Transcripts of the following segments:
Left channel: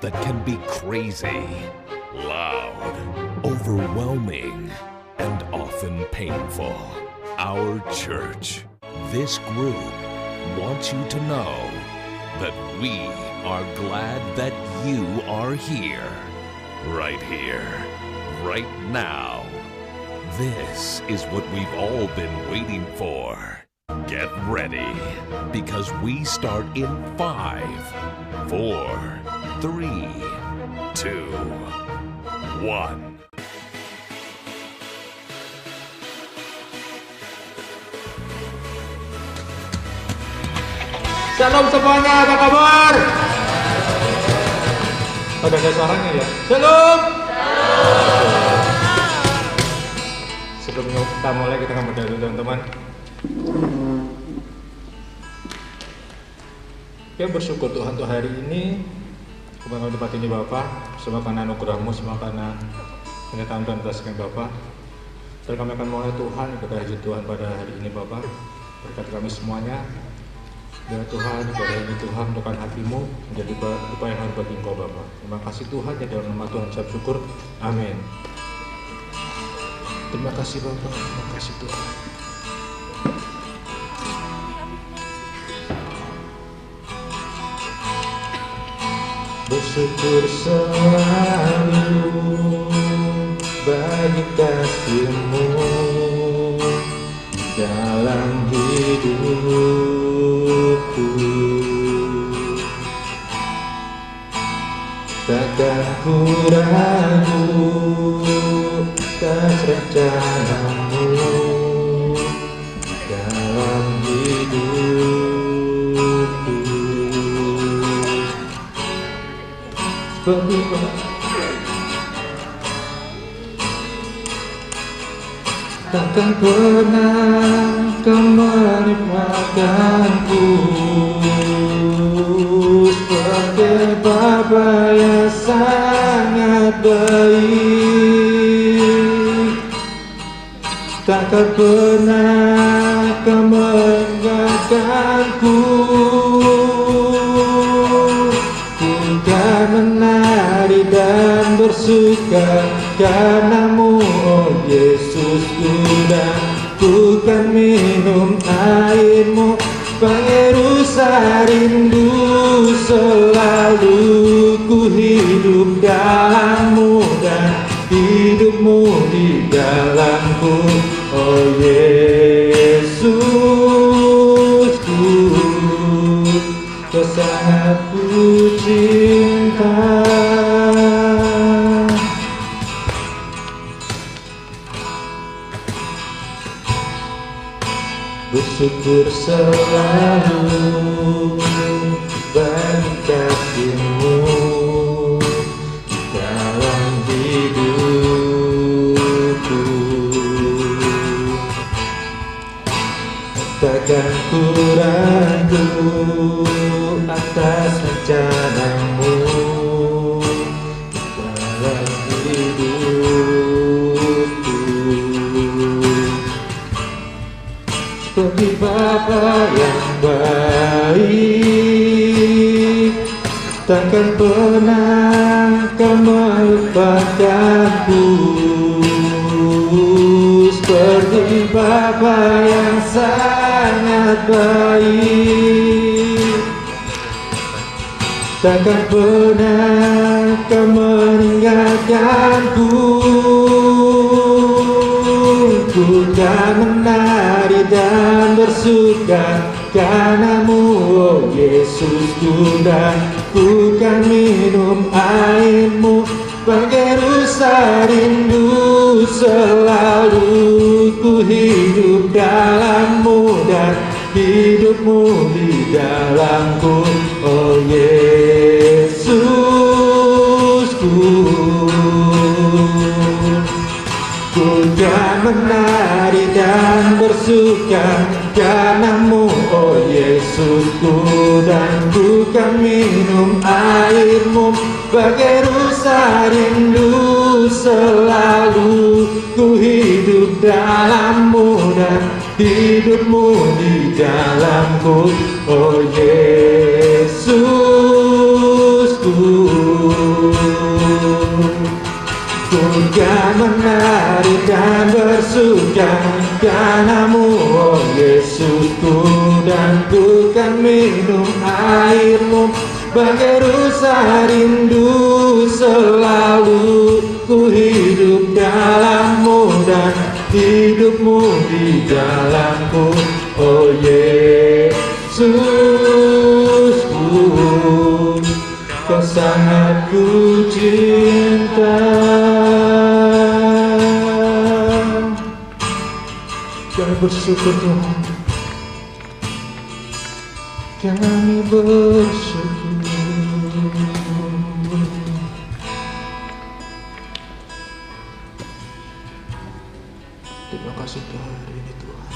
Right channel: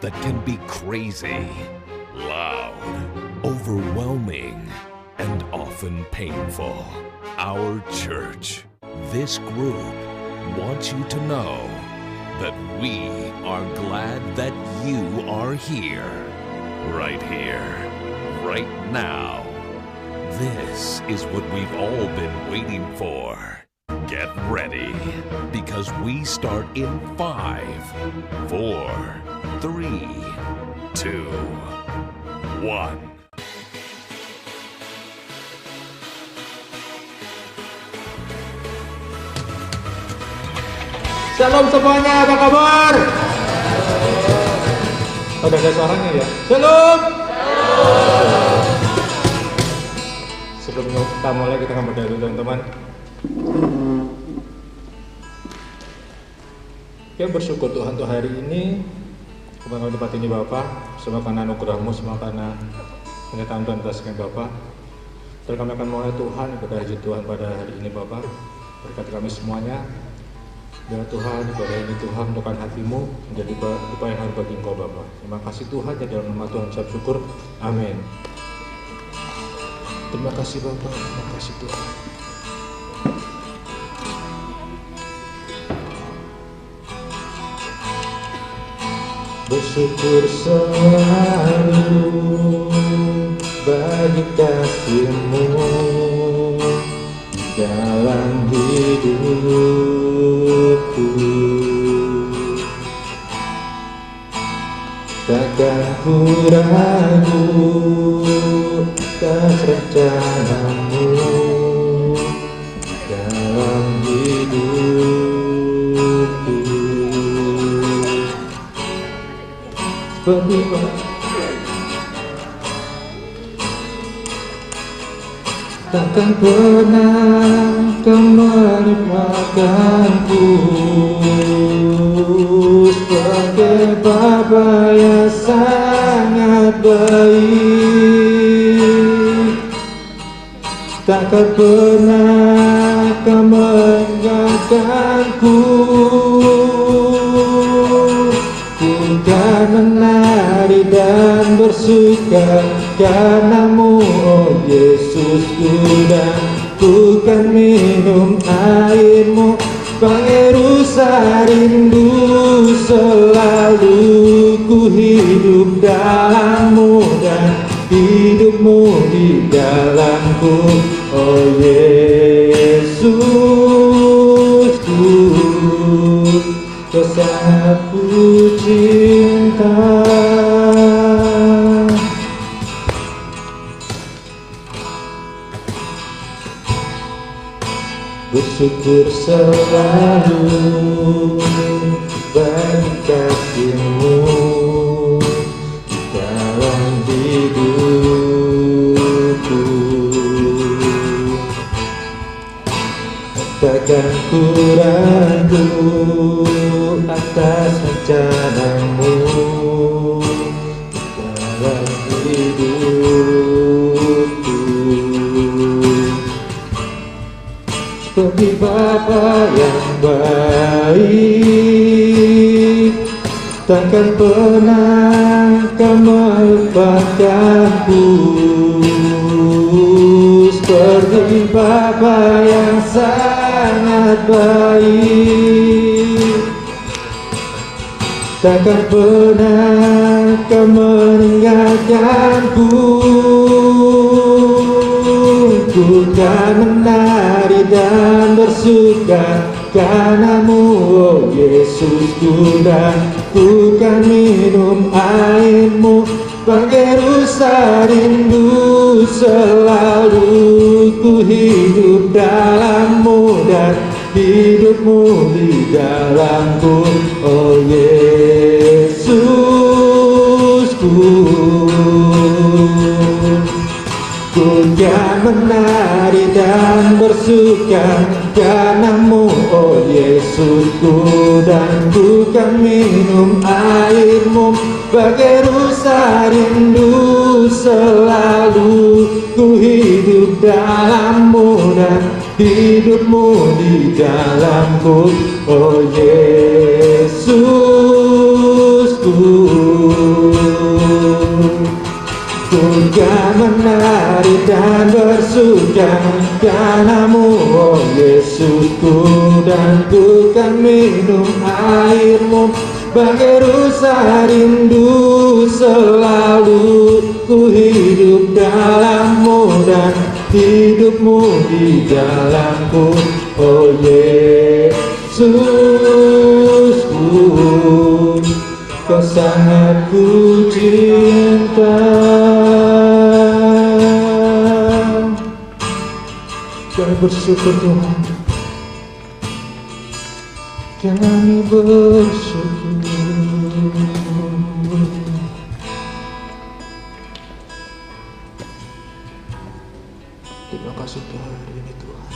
that can be crazy, loud, overwhelming, and often painful. Our church, this group, wants you to know that we are glad that you are here, right now. This is what we've all been waiting for. Get ready, because we start in 5, 4, 3, 2, 1. Shalom semuanya, apa kabar? Ada suaranya ya? Shalom! Sebelum kita mulai, kita akan berdoa dulu teman-teman. Kita bersyukur Tuhan untuk hari ini. Kembali tempat ini Bapak, semua karena anugerah-Mu, semua karena penyertaan Tuhan atas kami Bapak. Dan kami akan mulai Tuhan, ibadah hajat Tuhan pada hari ini Bapak. Berkati kami semuanya. Ya Tuhan, ibadah ini Tuhan untuk hati-Mu menjadi upaya yang harus bagi Engkau Bapa. Terima kasih Tuhan, ya dalam nama Tuhan saya bersyukur. Amin. Terima kasih Bapak, terima kasih Tuhan. Bersyukur selalu bagi kasih-Mu dalam hidupku. Takkan ku ragu atas rencana-Mu dalam hidupku. Seperti takkan pernah Kau meninggalkanku, sebagai Bapa yang sangat baik. Takkan pernah Kau meninggalkanku. Ku kan menari dan bersuka karena-Mu, oh Yesusku, dan ku kan minum air-Mu, pengerusa rindu. Selalu ku hidup dalam-Mu dan hidup-Mu di dalamku, oh Yesusku, Kau sangat ku cinta. Bersyukur selalu bagi kasih-Mu dalam hidupku. Takkan ku ragu atas rencana-Mu dalam hidupku. Seperti Bapa yang baik, takkan pernah Kau melupakanku. Seperti Bapa yang sangat baik, takkan pernah Kau meninggalkanku. Ku kan menari dan bersuka karena-Mu, oh Yesusku, dan ku kan minum air-Mu, pengerusa rindu. Selalu ku hidup dalam-Mu dan hidup-Mu di dalamku, oh Yesusku. Ku kan menari dan bersuka karena-Mu, oh Yesusku, dan ku kan minum air-Mu, bagai rusa rindu. Selalu ku hidup dalam-Mu dan hidup-Mu di dalamku, oh Yesusku. surga karenamu, oh Yesusku, dan ku kan minum airmu. Bagai rusa rindu selalu ku hidup dalammu, dan hidupmu di dalamku, oh Yesusku, kau sangat ku cinta. Kami bersyukur Tuhan, kami bersyukur. Terima kasih untuk hari ini Tuhan.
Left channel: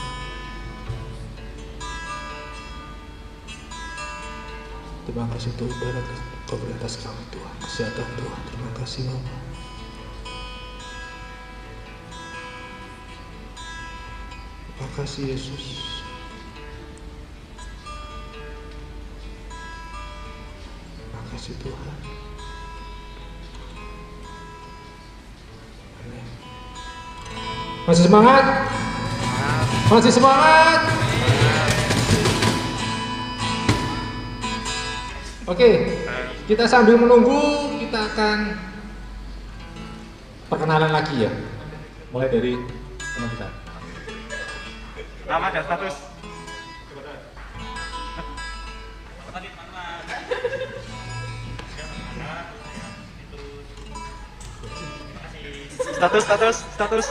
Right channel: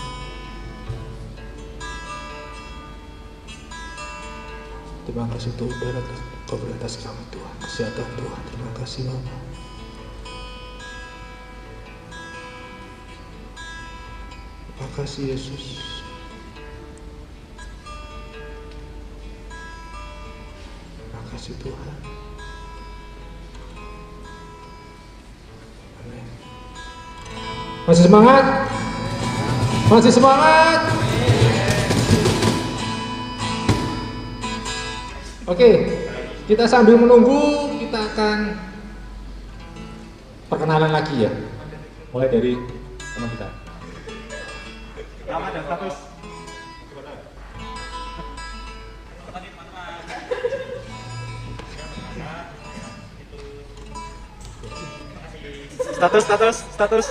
Terima kasih untuk ibadat Kau beri atas kami Tuhan, kesehatan Tuhan. Terima kasih Bapa. Terima kasih Yesus. Terima kasih Tuhan. Amin. Masih semangat? Masih semangat? Oke, kita sambil menunggu, kita akan perkenalan lagi ya. Mulai dari teman kita. Nama dan status. Status.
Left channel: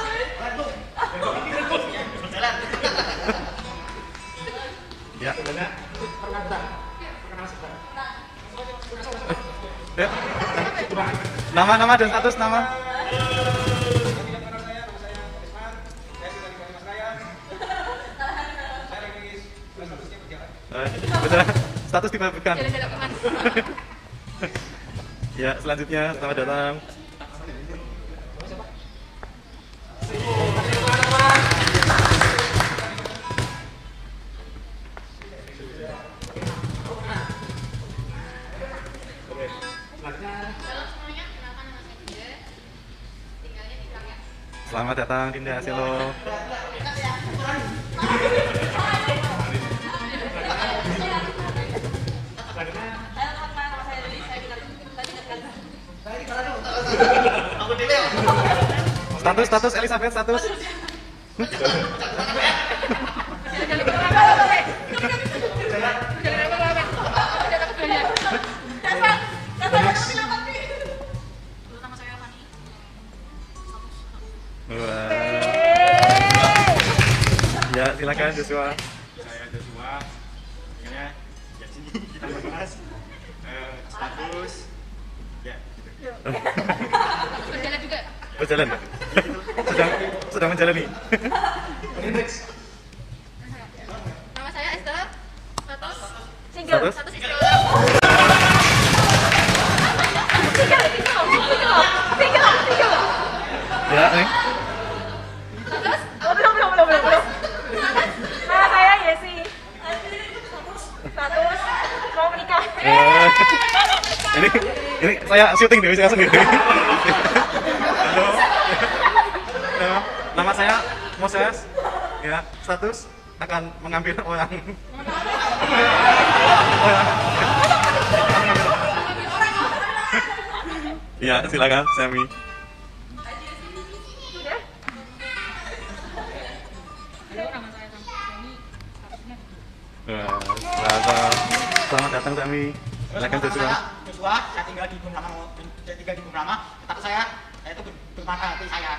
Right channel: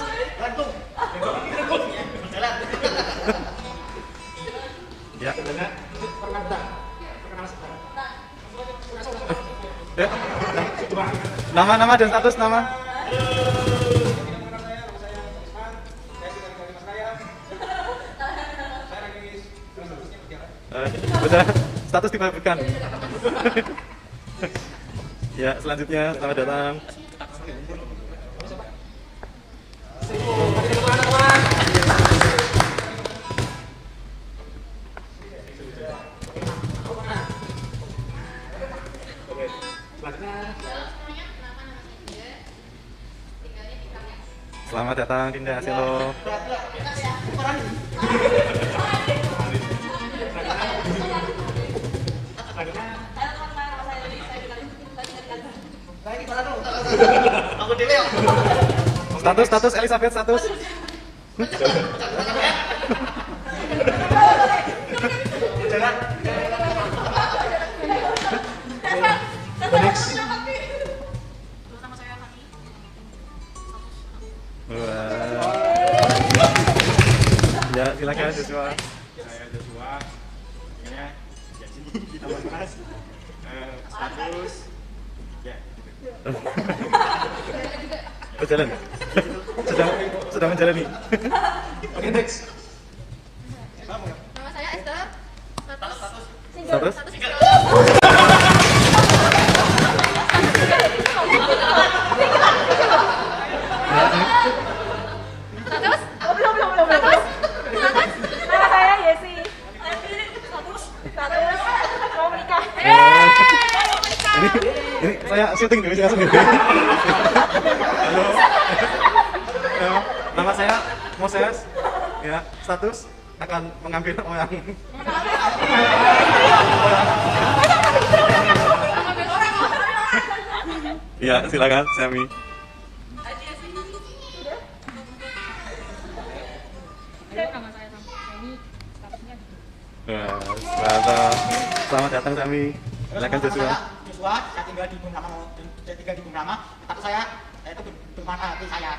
Ya. Nama dan status nama. Udah, status dibagikan. Ya, selanjutnya selamat datang. Selamat datang Dinda Selo. Status Elizabeth status. Ya, silakan Joshua. Saya Joshua. Tinggalnya di sini. Mas. Status. Ya. Berjalan. Sedang menjalani. Oke, next. Nama saya Esther. Status single. Status? Status single. Ya, next. Status? Belum. Nama saya Yesi. Status mau menikah. Ini saya syuting deh, saya langsung gini. Halo. Nama saya Moses. Ya, status akan mengambil orang. Ya, silakan Semi. Selamat datang Semi. Silakan Joshua. Joshua, saya tinggal di Bung Rama. Status saya itu bermanfaat saya.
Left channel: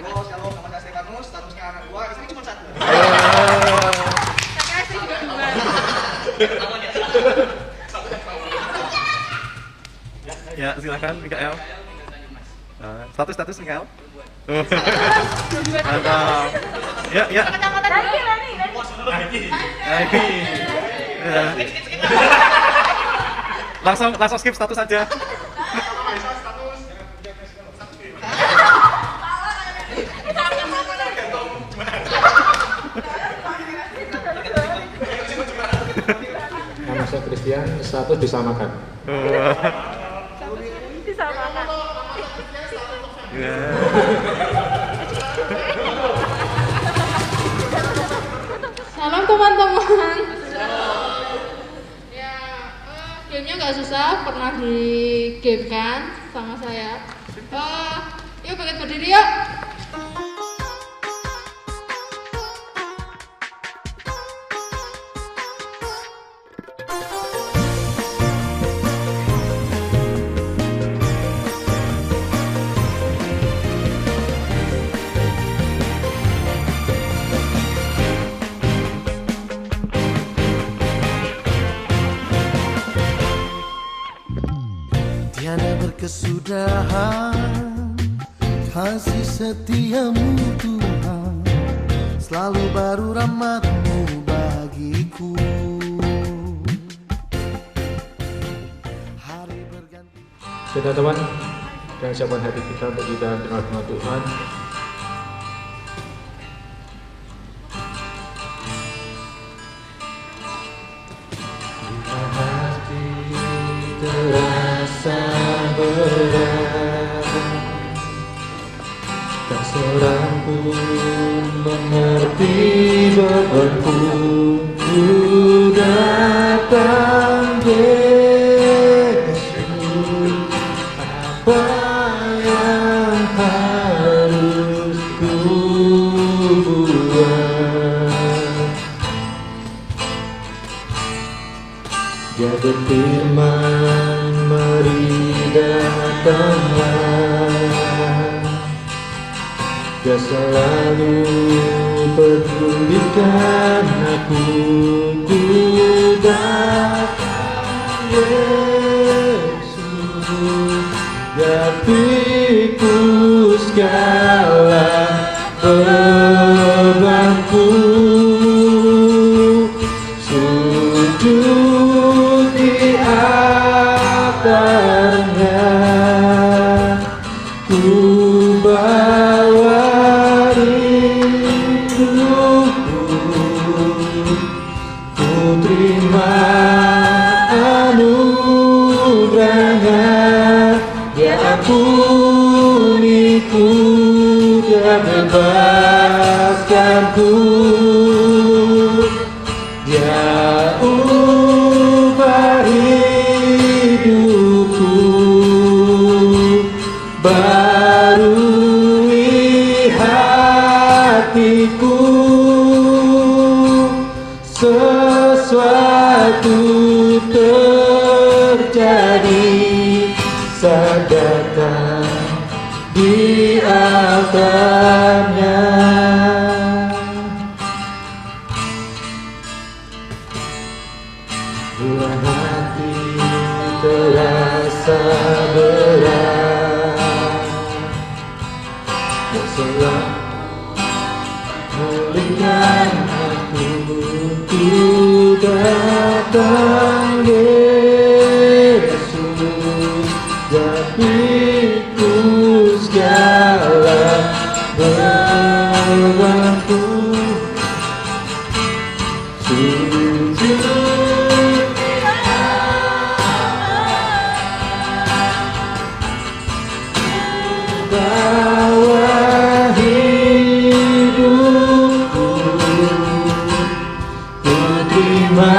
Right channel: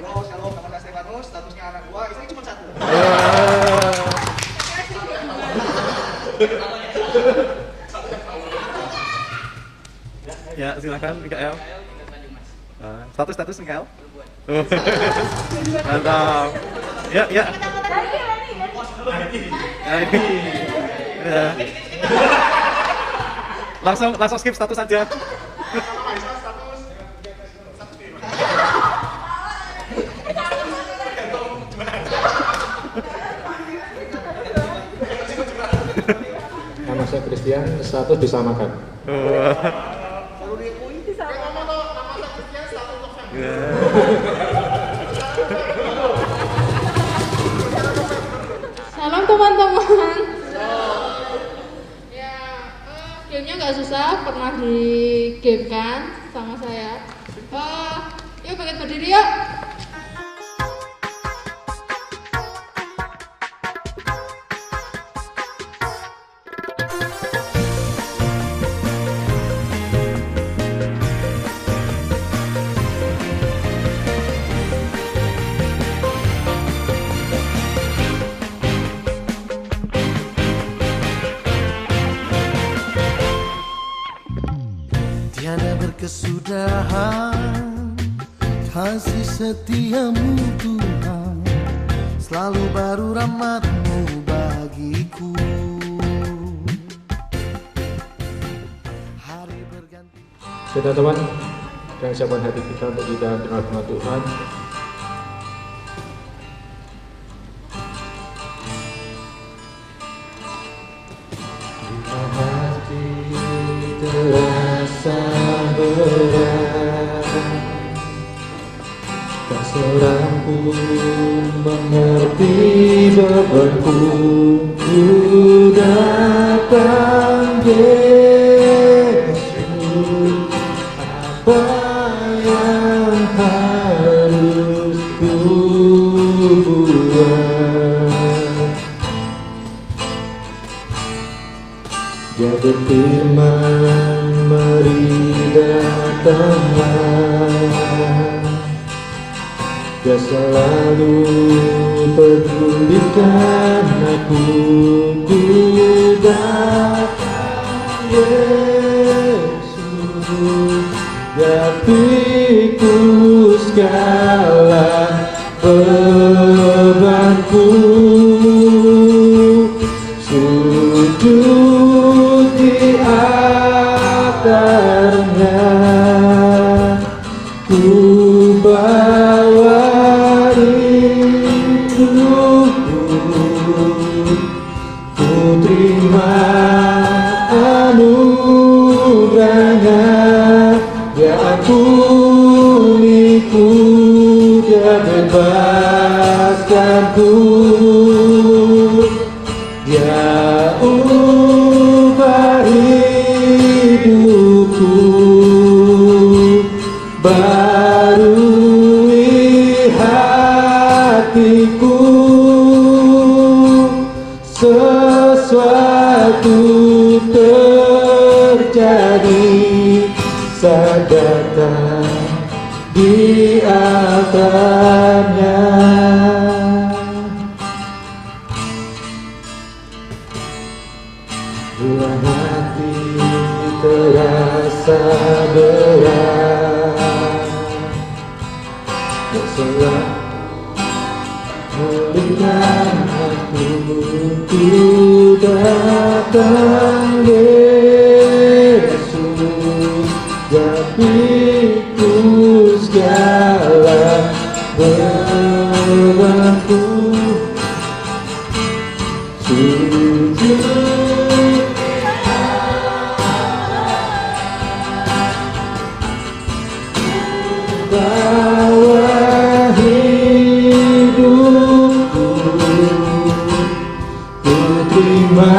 Halo, nama saya Kanus, statusnya anak gua, saya cuma satu. Ya, silakan Mikael. Status Mikael. Mantap. Ya. Langsung skip status aja. Nama saya Christian, status disamakan. teman-teman. Ya, gamenya nggak susah, pernah di game kan sama saya. Yuk bangkit berdiri yuk. Tiada berkesudahan, kasih setiamu Tuhan, selalu baru rahmat-Mu bagiku. Hari berganti. Sudah teman, dan siapkan hati kita untuk kita terima firman Tuhan. Terasa berat, tak seorang pun mengerti bebanku. Ku datang Yesus, apa yang harus ku buat? Dia berfirman, mari datanglah. Dia selalu pedulikan aku. Ku datang Yesus, Dia pikul segala bebanku. Sujud di altarnya, ku bawa rinduku. Ku terima anugerahnya, Dia ampuniku, Dia bebaskanku. Dia ubah hidupku, barui hatiku. Sesuatu terjadi saat datang di altarnya. Bila hati terasa berat, tak salah pulihkan aku. Ku datang Yesus, Dia pikul segala bebanku. Sujud bawa hidupku, ku terima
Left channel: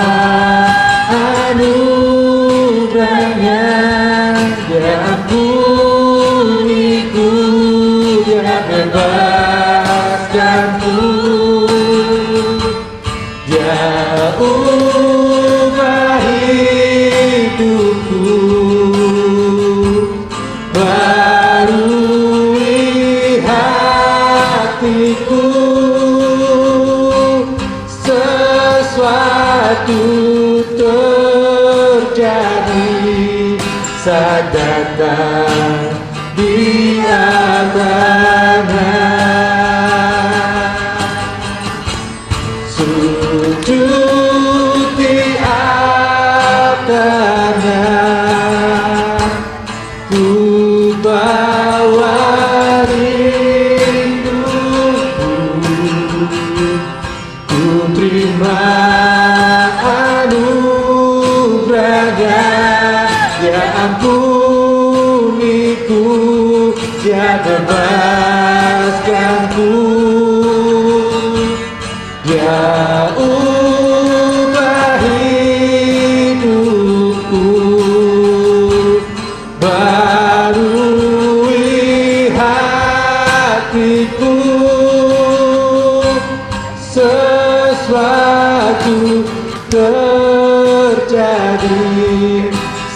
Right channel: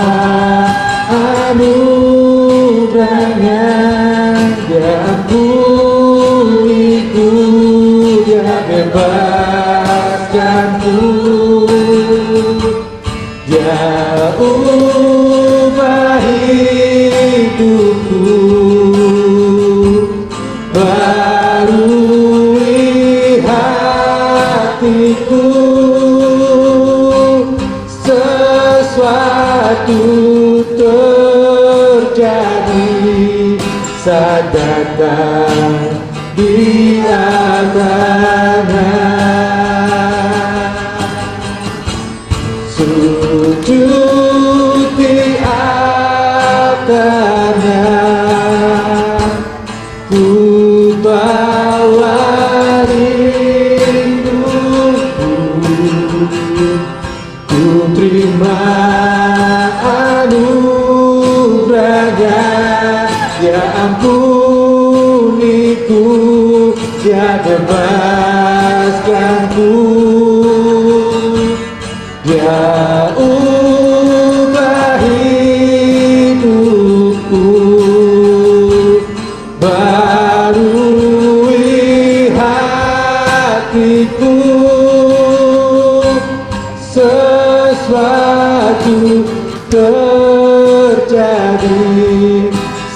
anugerahnya. Dia ampuniku, Dia bebaskanku. Dia ubah hidupku, barui hatiku. Sesuatu terjadi saat datang di altarnya. Sujud di altarnya, ku bawa rinduku. Ku terima anugerahnya, Dia ampuniku, Dia bebaskanku. Dia sesuatu terjadi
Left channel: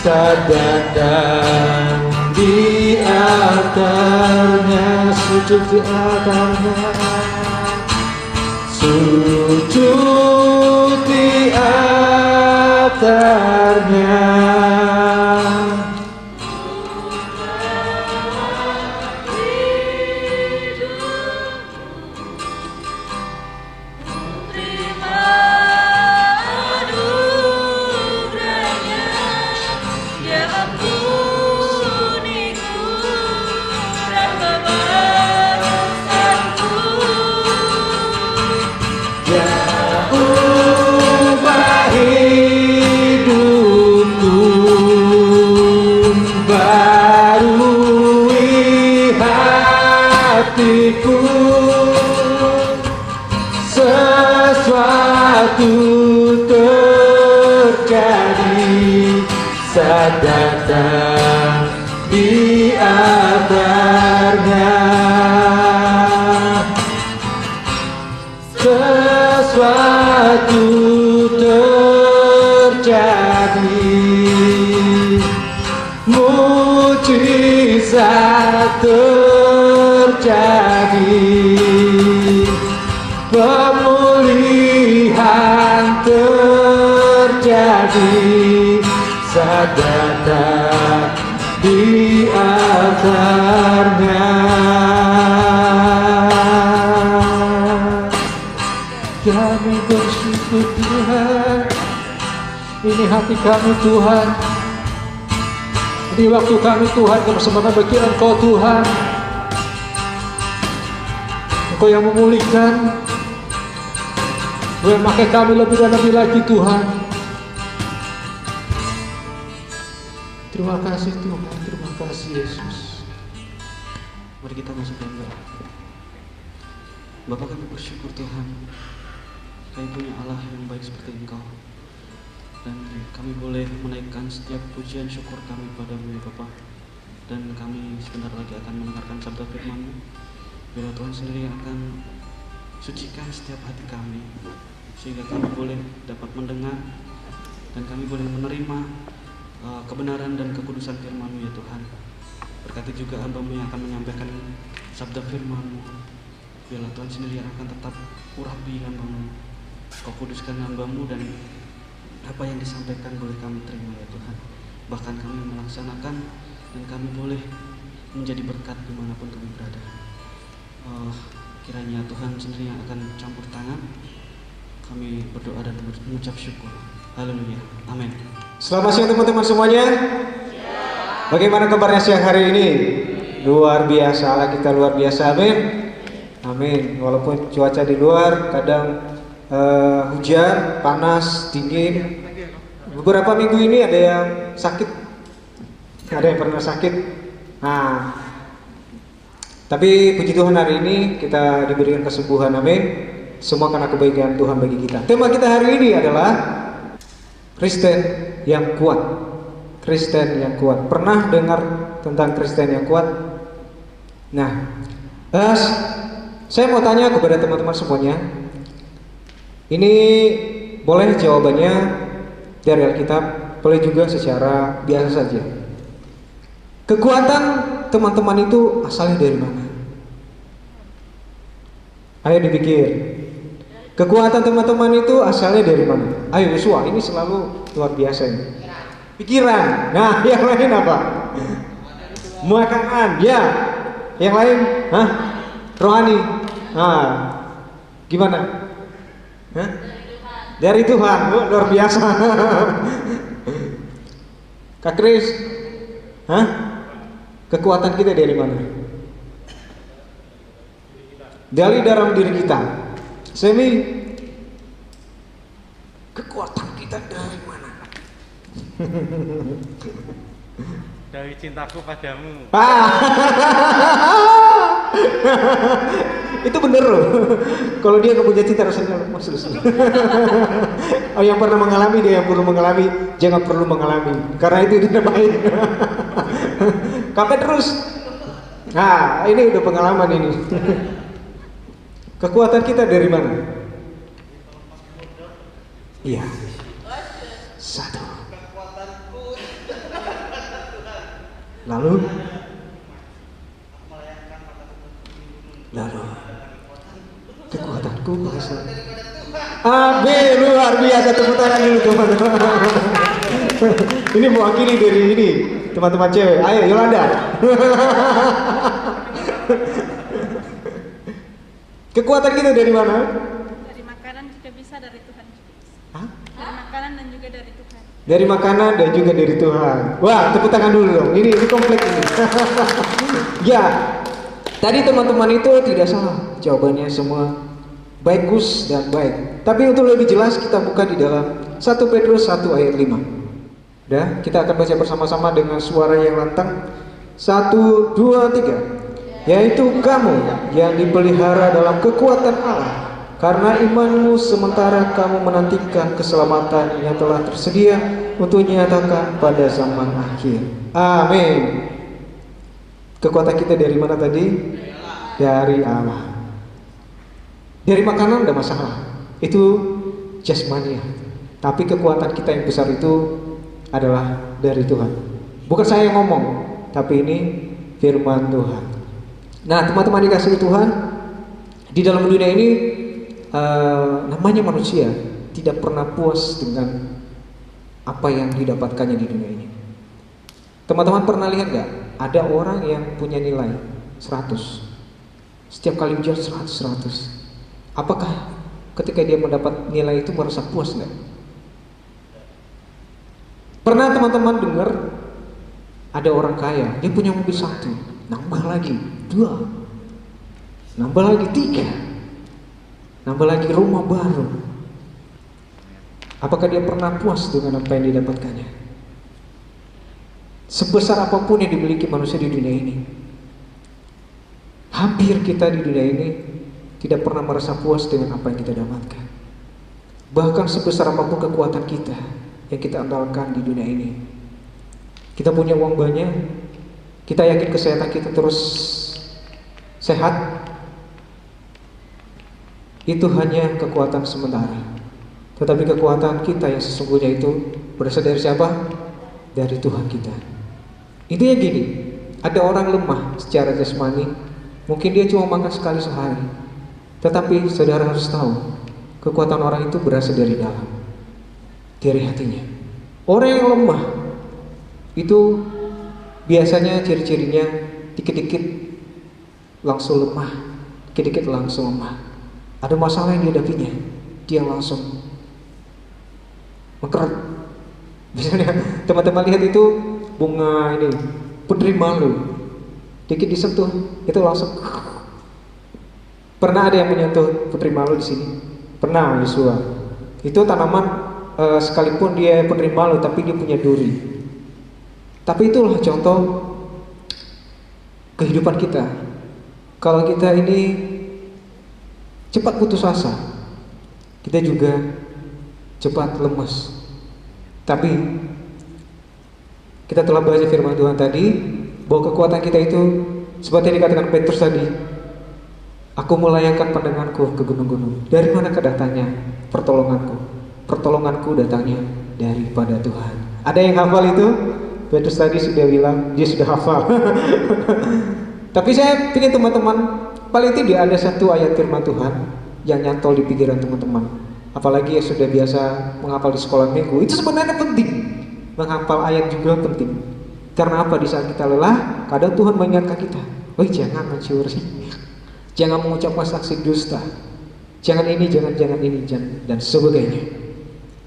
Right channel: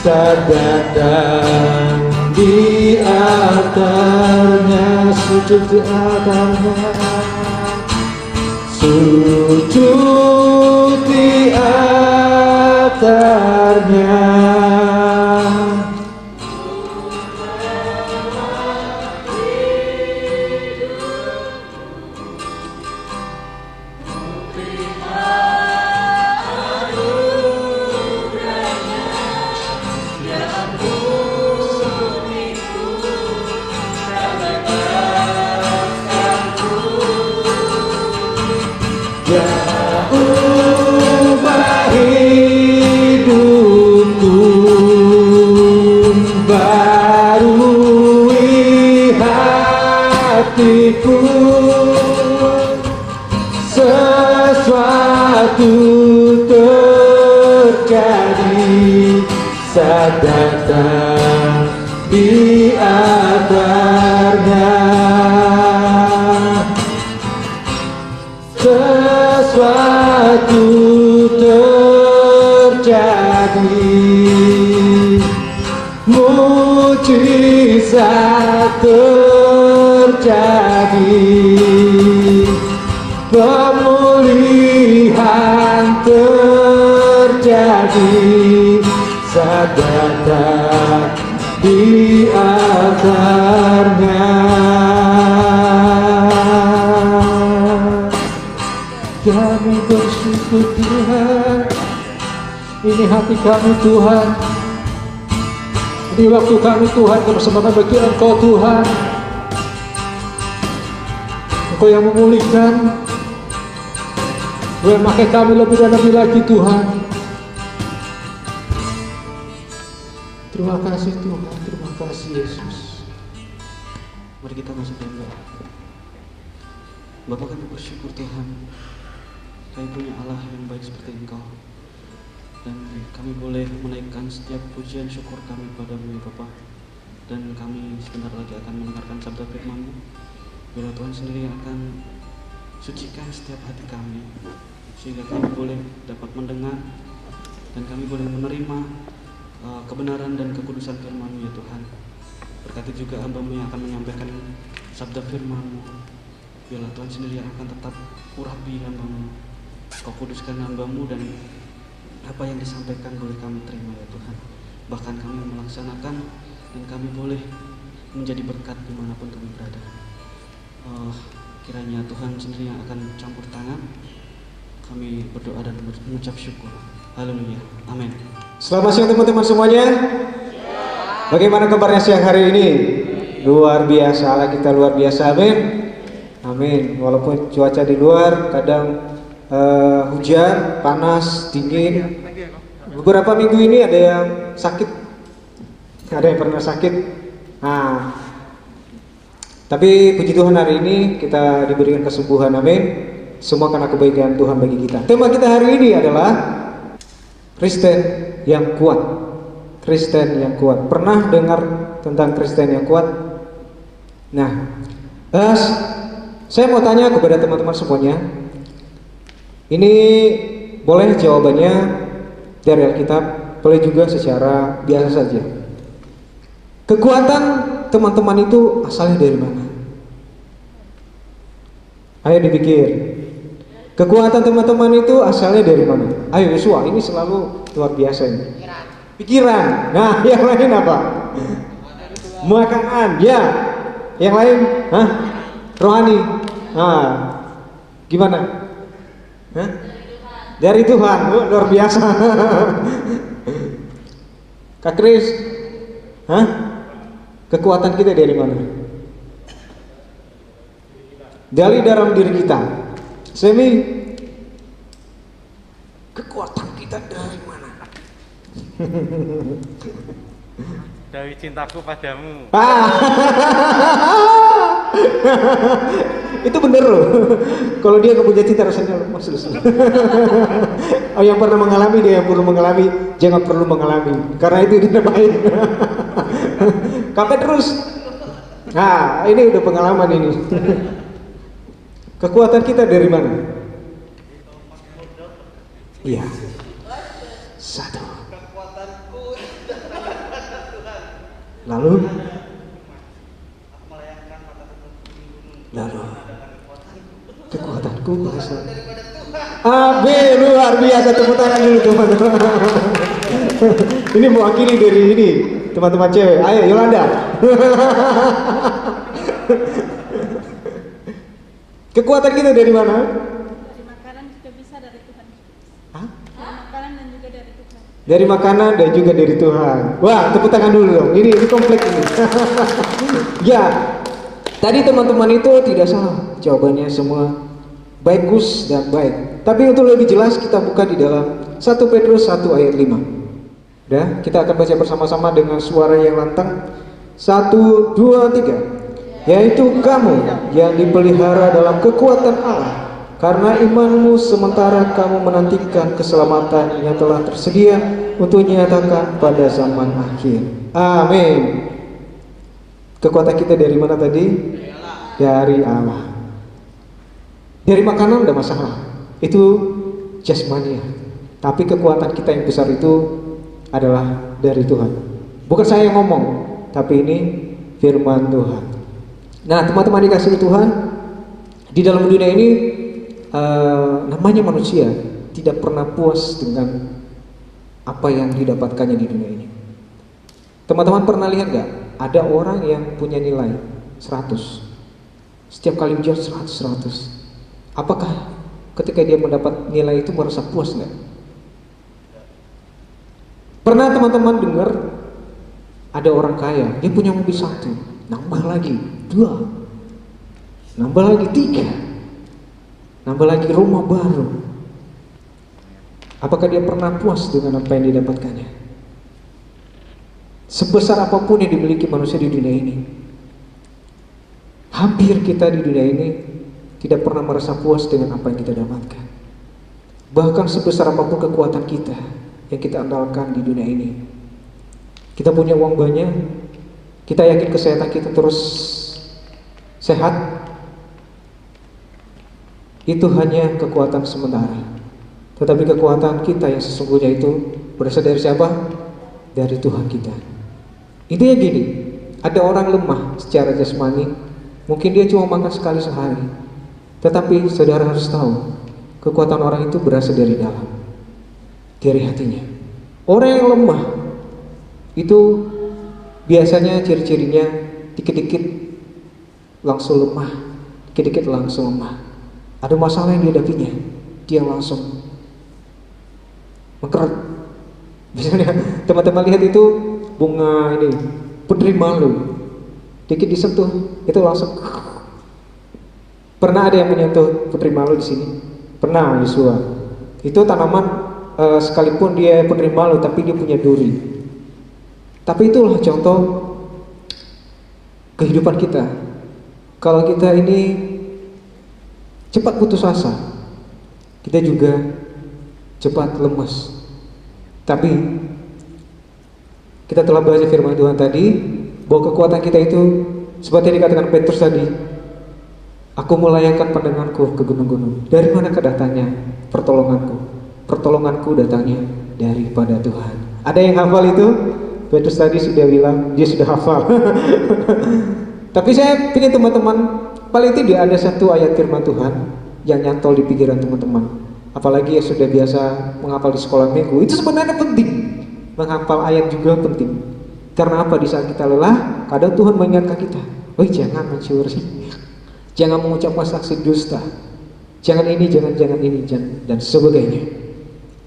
saat datang di altarnya, sujud di altarnya, sujud di altarnya. Ubah hidupku, barui hatiku, sesuatu terjadi saat datang di altarnya. Sesuatu terjadi, mujizat terjadi, pemulihan terjadi saat datang di altarnya. Kami bersyukur Tuhan, ini hati kami Tuhan, ini waktu kami Tuhan, kebersamaan bagi Engkau Tuhan. Engkau yang memulihkan, Engkau yang memakai kami lebih dan lebih lagi Tuhan. Terima kasih Tuhan, terima kasih Yesus. Mari kita masuk dalam doa. Bapa, kami bersyukur Tuhan, kami punya Allah yang baik seperti Engkau, dan kami boleh menaikkan setiap pujian syukur kami padamu ya Bapa. Dan kami sebentar lagi akan mendengarkan sabda firman-Mu. Biar Tuhan sendiri yang akan sucikan setiap hati kami, sehingga kami boleh dapat mendengar dan kami boleh menerima kebenaran dan kekudusan firman-Mu ya Tuhan. Berkati juga hamba-Mu yang akan menyampaikan sabda firman-Mu. Biarlah Tuhan sendiri yang akan tetap urapi hamba-Mu. Kau kuduskan hamba-Mu, dan apa yang disampaikan boleh kami terima ya Tuhan. Bahkan kami melaksanakan, dan kami boleh menjadi berkat dimanapun kami berada. Kiranya Tuhan sendiri yang akan campur tangan. Kami berdoa dan mengucap syukur. Haleluya, amin. Selamat siang teman-teman semuanya. Bagaimana kabarnya siang hari ini? Luar biasa, Allah kita luar biasa, amin. Amin. Walaupun cuaca di luar kadang hujan, panas, dingin. Beberapa minggu ini ada yang sakit, ada yang pernah sakit. Nah, tapi puji Tuhan hari ini kita diberikan kesembuhan, amin. Semua karena kebaikan Tuhan bagi kita. Tema kita hari ini adalah Kristen yang kuat. Kristen yang kuat. Pernah dengar tentang Kristen yang kuat? Nah, saya mau tanya kepada teman-teman semuanya. Ini boleh jawabannya dari Alkitab, boleh juga secara biasa saja. Kekuatan teman-teman itu asalnya dari mana? Ayo dipikir. Kekuatan teman-teman itu asalnya dari mana? Ayo Yosua, ini selalu luar biasa ini. Pikiran. Nah, yang lain apa? Makanan. Ya. Yang lain? Hah? Rohani. Nah, gimana? Hah? Dari Tuhan. Oh, luar biasa. Kak Kris, hah? Kekuatan kita dari mana? Dari dalam diri kita. Semi, kekuatan kita dari mana? Dari cintaku padamu. Itu bener loh. Kalau dia nggak punya cinta rasanya lemas. Oh, yang pernah mengalami, dia yang perlu mengalami, jangan perlu mengalami. Karena itu tidak baik. Kakek terus. Nah, ini udah pengalaman ini. Kekuatan kita dari mana? Iya. 1. Lalu kekuatanku berasal. Amin, luar biasa, tepuk tangan dulu teman-teman. Ini mewakili dari ini teman-teman cewek. Ayo Yolanda. Kekuatan kita dari mana? Dari makanan juga bisa, dari Tuhan. Hah? Dari makanan dan juga dari Tuhan. Dari makanan dan juga dari Tuhan. Wah, tepuk tangan dulu dong. Ini komplek ini. Ya, tadi teman-teman itu tidak salah. Jawabannya semua bagus dan baik. Tapi untuk lebih jelas kita buka di dalam 1 Petrus 1 ayat 5. Udah, kita akan baca bersama-sama dengan suara yang lantang. 1, 2, 3. Yaitu kamu yang dipelihara dalam kekuatan Allah, karena imanmu sementara kamu menantikan keselamatan yang telah tersedia untuk dinyatakan pada zaman akhir. Amin. Kekuatan kita dari mana tadi? Dari Allah. Dari makanan tidak masalah, itu jasmania. Tapi kekuatan kita yang besar itu adalah dari Tuhan. Bukan saya yang ngomong, tapi ini firman Tuhan. Nah, teman-teman dikasihi Tuhan, di dalam dunia ini namanya manusia tidak pernah puas dengan apa yang didapatkannya di dunia ini. Teman-teman pernah lihat gak? Ada orang yang punya nilai 100. Setiap kali ujian 100. Apakah ketika dia mendapat nilai itu merasa puas gak? Pernah teman-teman dengar ada orang kaya, dia punya mobil 1, nambah lagi 2, nambah lagi 3, nambah lagi rumah baru. Apakah dia pernah puas dengan apa yang didapatkannya? Sebesar apapun yang dimiliki manusia di dunia ini, hampir kita di dunia ini tidak pernah merasa puas dengan apa yang kita dapatkan. Bahkan sebesar apapun kekuatan kita yang kita andalkan di dunia ini, kita punya uang banyak, kita yakin kesehatan kita terus sehat, itu hanya kekuatan sementara. Tetapi kekuatan kita yang sesungguhnya itu berasal dari siapa? Dari Tuhan kita. Intinya gini, ada orang lemah secara jasmani, mungkin dia cuma makan sekali sehari. Tetapi saudara harus tahu, kekuatan orang itu berasal dari dalam, dari hatinya. Orang yang lemah itu biasanya ciri-cirinya dikit-dikit langsung lemah, dikit-dikit langsung lemah. Ada masalah yang dihadapinya, dia langsung mengkeret. Misalnya teman-teman lihat itu bunga ini, putri malu, dikit disentuh itu langsung. Pernah ada yang menyentuh putri malu di sini? Pernah, Yosua. Itu tanaman sekalipun dia putri malu, tapi dia punya duri. Tapi itulah contoh kehidupan kita. Kalau kita ini cepat putus asa, kita juga cepat lemas. Tapi kita telah baca firman Tuhan tadi bahwa kekuatan kita itu seperti yang dikatakan Petrus tadi, aku melayangkan pandanganku ke gunung-gunung. Dari manakah datangnya pertolonganku? Pertolonganku datangnya daripada Tuhan. Ada yang hafal itu? Petrus tadi sudah bilang dia sudah hafal. Tapi saya ingin teman-teman, paling tidak ada satu ayat firman Tuhan yang nyantol di pikiran teman-teman. Apalagi yang sudah biasa menghafal di sekolah minggu, itu sebenarnya penting. Menghafal ayat juga penting. Karena apa? Di saat kita lelah, kadang Tuhan mengingatkan kita, "Woi, jangan mencuri, jangan mengucapkan saksi dusta, jangan ini, jangan ini, dan sebagainya."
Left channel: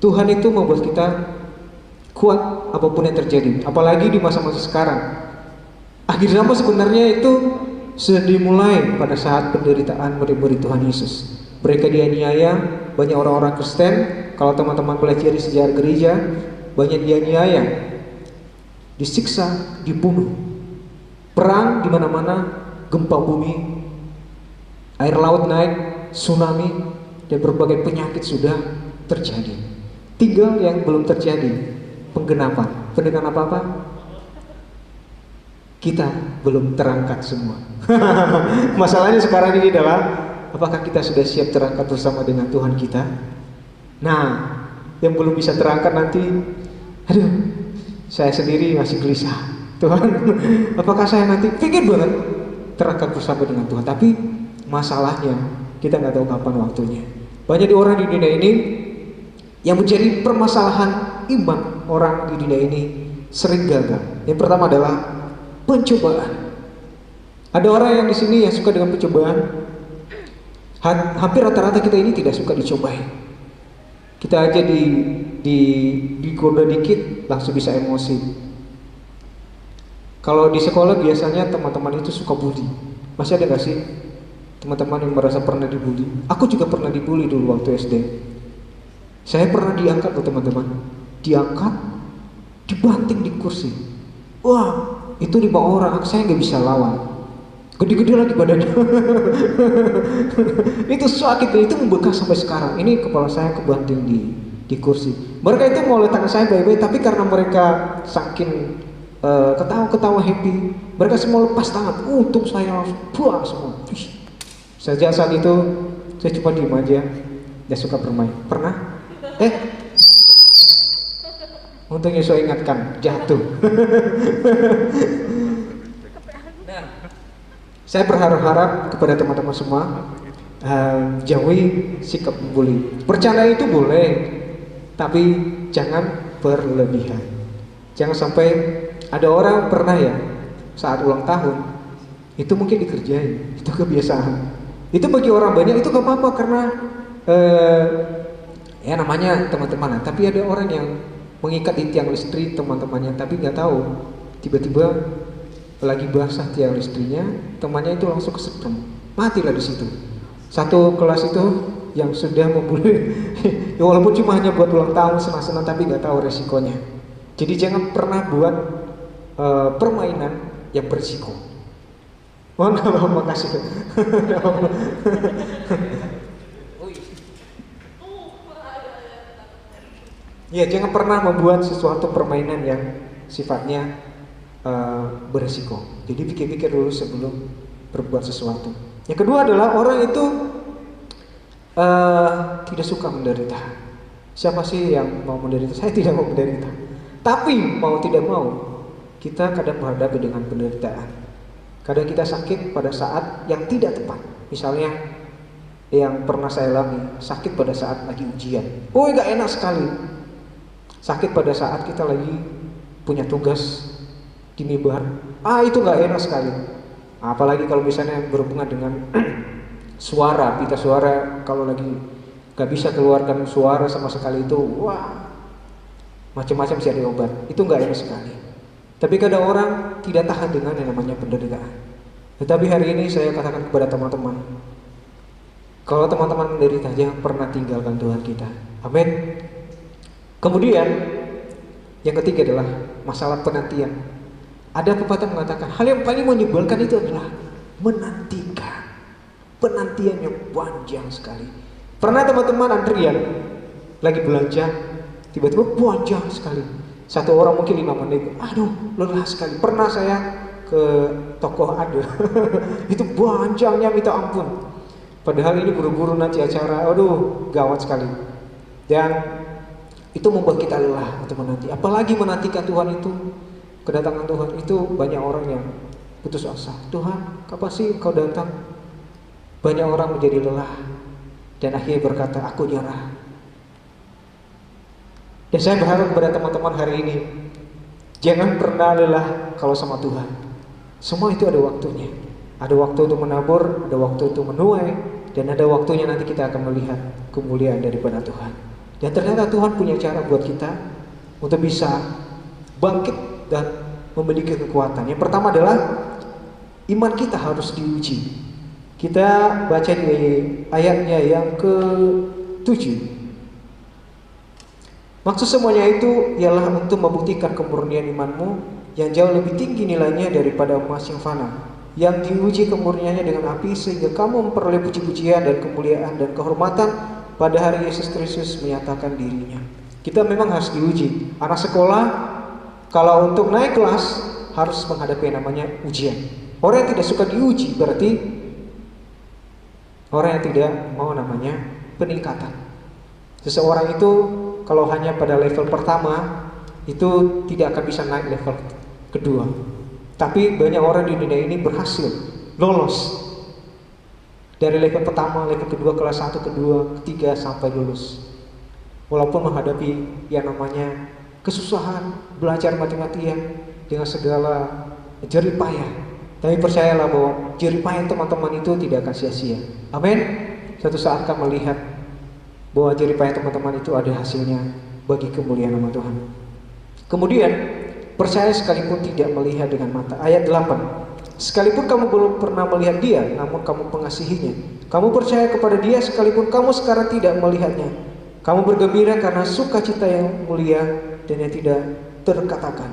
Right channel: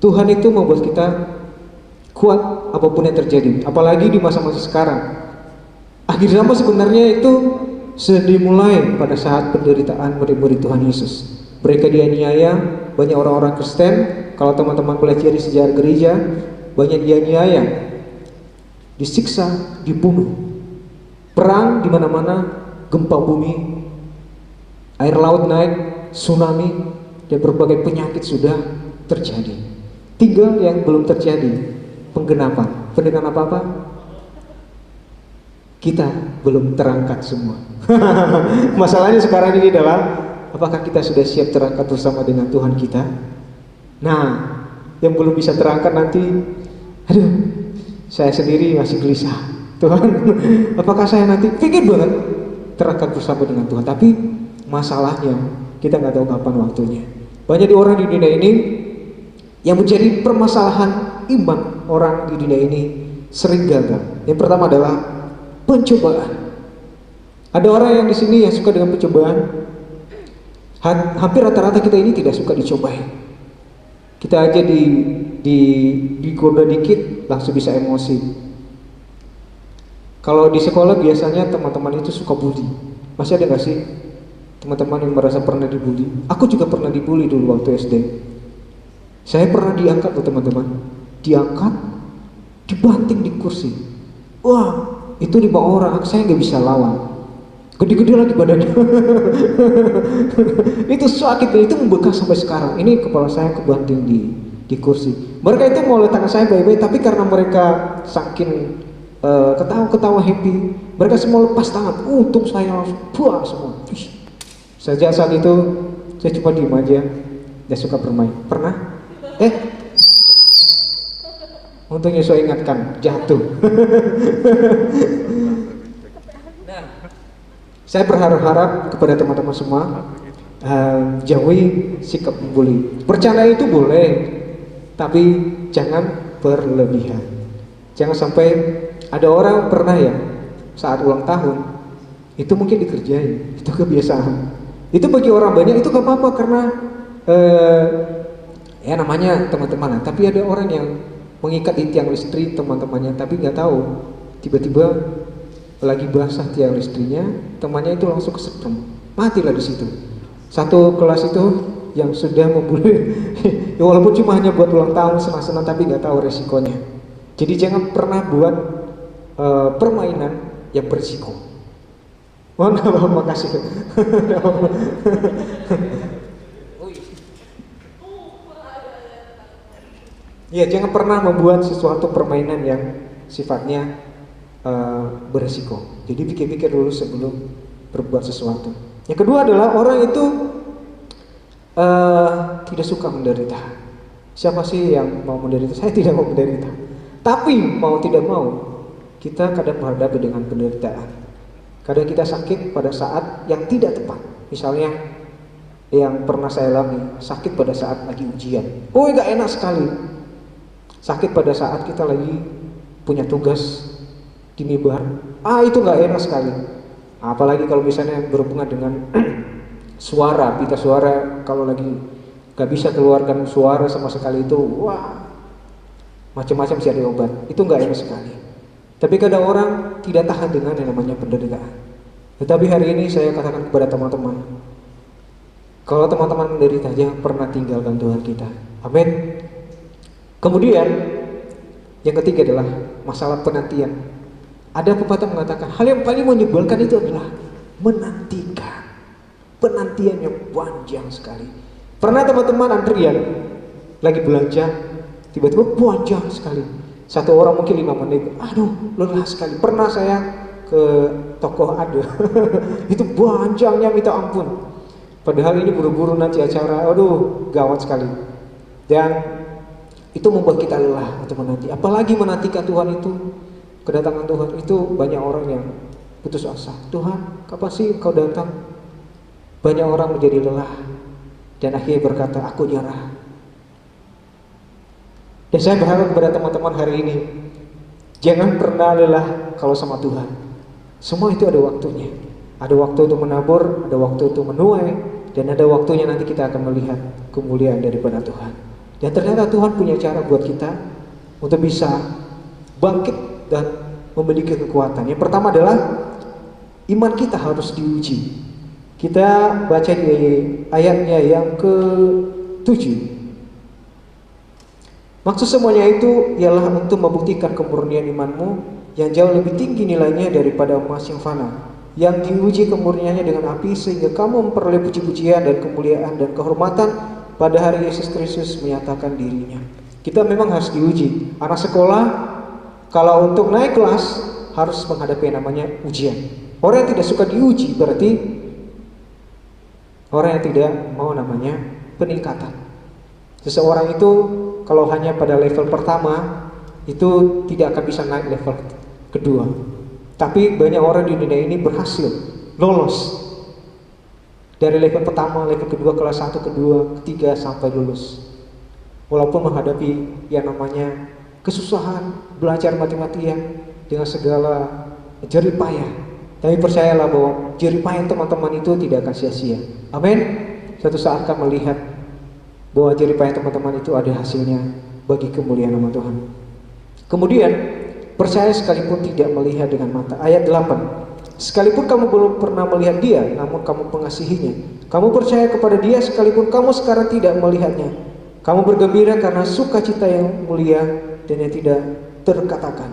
Tuhan itu membuat kita kuat apapun yang terjadi. Apalagi di masa-masa sekarang. Akhir zaman sebenarnya itu sudah dimulai pada saat penderitaan murid-murid Tuhan Yesus. Mereka dianiaya, banyak orang-orang Kristen. Kalau teman-teman pelajari sejarah gereja, banyak dianiaya, disiksa, dibunuh. Perang di mana-mana, gempa bumi, air laut naik, tsunami, dan berbagai penyakit sudah terjadi. Tinggal yang belum terjadi, penggenapan. Dengan apa-apa? Kita belum terangkat semua. Masalahnya sekarang ini adalah, apakah kita sudah siap terangkat bersama dengan Tuhan kita? Nah, yang belum bisa terangkat nanti, aduh, saya sendiri masih gelisah. Tuhan, apakah saya nanti pengen banget terangkat bersama dengan Tuhan, tapi masalahnya kita nggak tahu kapan waktunya. Banyak orang di dunia ini yang menjadi permasalahan iman orang di dunia ini sering gagal. Yang pertama adalah pencobaan. Ada orang yang di sini yang suka dengan pencobaan. Hampir rata-rata kita ini tidak suka dicobai. Kita aja digoda dikit langsung bisa emosi. Kalau di sekolah biasanya teman-teman itu suka bully. Masih ada gak sih teman-teman yang merasa pernah dibully? Aku juga pernah dibully dulu waktu SD. Saya pernah diangkat loh teman-teman. Diangkat, dibanting di kursi. Wah, itu 5 orang, saya gak bisa lawan. Gede-gede lagi badannya. Itu sakit, itu membekas sampai sekarang. Ini kepala saya kebanting di kursi. Mereka itu mau letakkan saya baik-baik, tapi karena mereka saking ketawa-ketawa happy, mereka semua lepas tangan. Untung saya langsung buang semua. Sejak saat itu saya cuma diem aja, gak suka bermain. Pernah? Untungnya saya ingatkan, jatuh. Nah, saya berharap kepada teman-teman semua jauhi sikap membuli. Bercanda itu boleh, tapi jangan berlebihan. Jangan sampai ada orang pernah ya saat ulang tahun itu mungkin dikerjain, itu kebiasaan. Itu bagi orang banyak itu gak apa-apa karena ya namanya teman-teman. Tapi ada orang yang mengikat di tiang listrik teman-temannya, tapi nggak tahu tiba-tiba lagi basah tiang listriknya, temannya itu langsung kesetrum, matilah di situ. Satu kelas itu yang sudah membuli, ya walaupun cuma hanya buat ulang tahun senang-senang, tapi nggak tahu resikonya. Jadi jangan pernah buat permainan yang berisiko. Mohon makasih. Ya, jangan pernah membuat sesuatu permainan yang sifatnya berisiko. Jadi pikir-pikir dulu sebelum berbuat sesuatu. Yang kedua adalah orang itu tidak suka menderita. Siapa sih yang mau menderita? Saya tidak mau menderita. Tapi mau tidak mau, kita kadang berhadapan dengan penderitaan. Kadang kita sakit pada saat yang tidak tepat. Misalnya yang pernah saya alami, sakit pada saat lagi ujian. Oh, gak enak sekali. Sakit pada saat kita lagi punya tugas di mimbar. Itu gak enak sekali. Apalagi kalau misalnya berhubungan dengan suara, pita suara, kalau lagi gak bisa keluarkan suara sama sekali itu, wah, macam-macam cari obat. Itu gak enak sekali. Tapi kadang orang tidak tahan dengan yang namanya penderitaan. Tetapi hari ini saya katakan kepada teman-teman, kalau teman-teman menderita, jangan pernah tinggalkan Tuhan kita. Amin. Kemudian yang ketiga adalah masalah penantian. Ada pepatah mengatakan hal yang paling menyebalkan itu adalah menantikan. Penantian yang panjang sekali. Pernah teman-teman antrian lagi belanja, tiba-tiba panjang sekali. Satu orang mungkin 5 menit. Aduh, lelah sekali. Pernah saya ke toko ada. Itu panjangnya minta ampun. Padahal ini buru-buru nanti acara. Aduh, gawat sekali. Dan itu membuat kita lelah untuk menanti. Apalagi menantikan Tuhan itu, kedatangan Tuhan itu banyak orang yang putus asa. Tuhan, kapan sih Engkau datang? Banyak orang menjadi lelah dan akhirnya berkata, aku nyerah. Dan saya berharap kepada teman-teman hari ini, jangan pernah lelah kalau sama Tuhan. Semua itu ada waktunya. Ada waktu untuk menabur, ada waktu untuk menuai, dan ada waktunya nanti kita akan melihat kemuliaan daripada Tuhan. Dan ternyata Tuhan punya cara buat kita untuk bisa bangkit dan memiliki kekuatan. Yang pertama adalah iman kita harus diuji. Kita baca di ayatnya yang ke-7. Maksud semuanya itu ialah untuk membuktikan kemurnian imanmu yang jauh lebih tinggi nilainya daripada emas yang fana, yang diuji kemurniannya dengan api, sehingga kamu memperoleh puji-pujian dan kemuliaan dan kehormatan pada hari Yesus Kristus menyatakan dirinya. Kita memang harus diuji. Anak sekolah kalau untuk naik kelas harus menghadapi yang namanya ujian. Orang yang tidak suka diuji berarti orang yang tidak mau namanya peningkatan. Seseorang itu kalau hanya pada level pertama itu tidak akan bisa naik level kedua. Tapi banyak orang di dunia ini berhasil lolos dari level pertama, level kedua, kelas 1, kedua, ketiga sampai lulus. Walaupun menghadapi yang namanya kesusahan, belajar mati-matian dengan segala jerih payah. Tapi percayalah bahwa jerih payah teman-teman itu tidak akan sia-sia. Amin. Suatu saat akan melihat bahwa jerih payah teman-teman itu ada hasilnya bagi kemuliaan nama Tuhan. Kemudian percaya sekalipun tidak melihat dengan mata. Ayat 8. Sekalipun kamu belum pernah melihat dia, namun kamu mengasihinya. Kamu percaya kepada dia sekalipun kamu sekarang tidak melihatnya. Kamu bergembira karena sukacita yang mulia dan yang tidak terkatakan.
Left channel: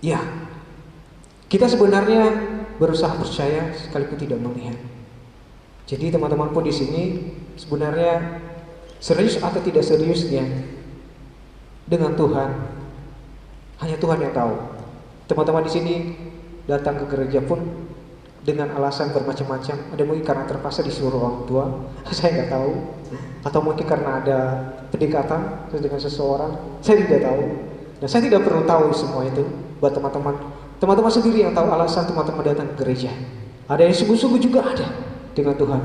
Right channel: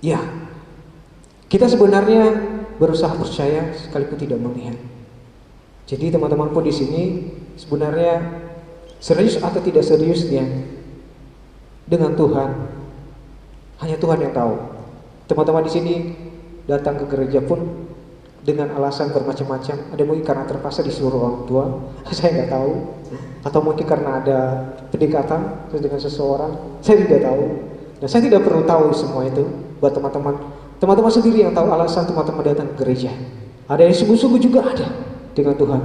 Ya, kita sebenarnya berusaha percaya sekalipun tidak melihat. Jadi teman-teman pun di sini sebenarnya serius atau tidak seriusnya dengan Tuhan, hanya Tuhan yang tahu. Teman-teman di sini datang ke gereja pun dengan alasan bermacam-macam. Ada mungkin karena terpaksa disuruh orang tua, saya nggak tahu. Atau mungkin karena ada pendekatan dengan seseorang, saya tidak tahu. Dan saya tidak perlu tahu semua itu. Buat teman-teman, teman-teman sendiri yang tahu alasan teman-teman datang ke gereja. Ada yang sungguh-sungguh juga ada dengan Tuhan.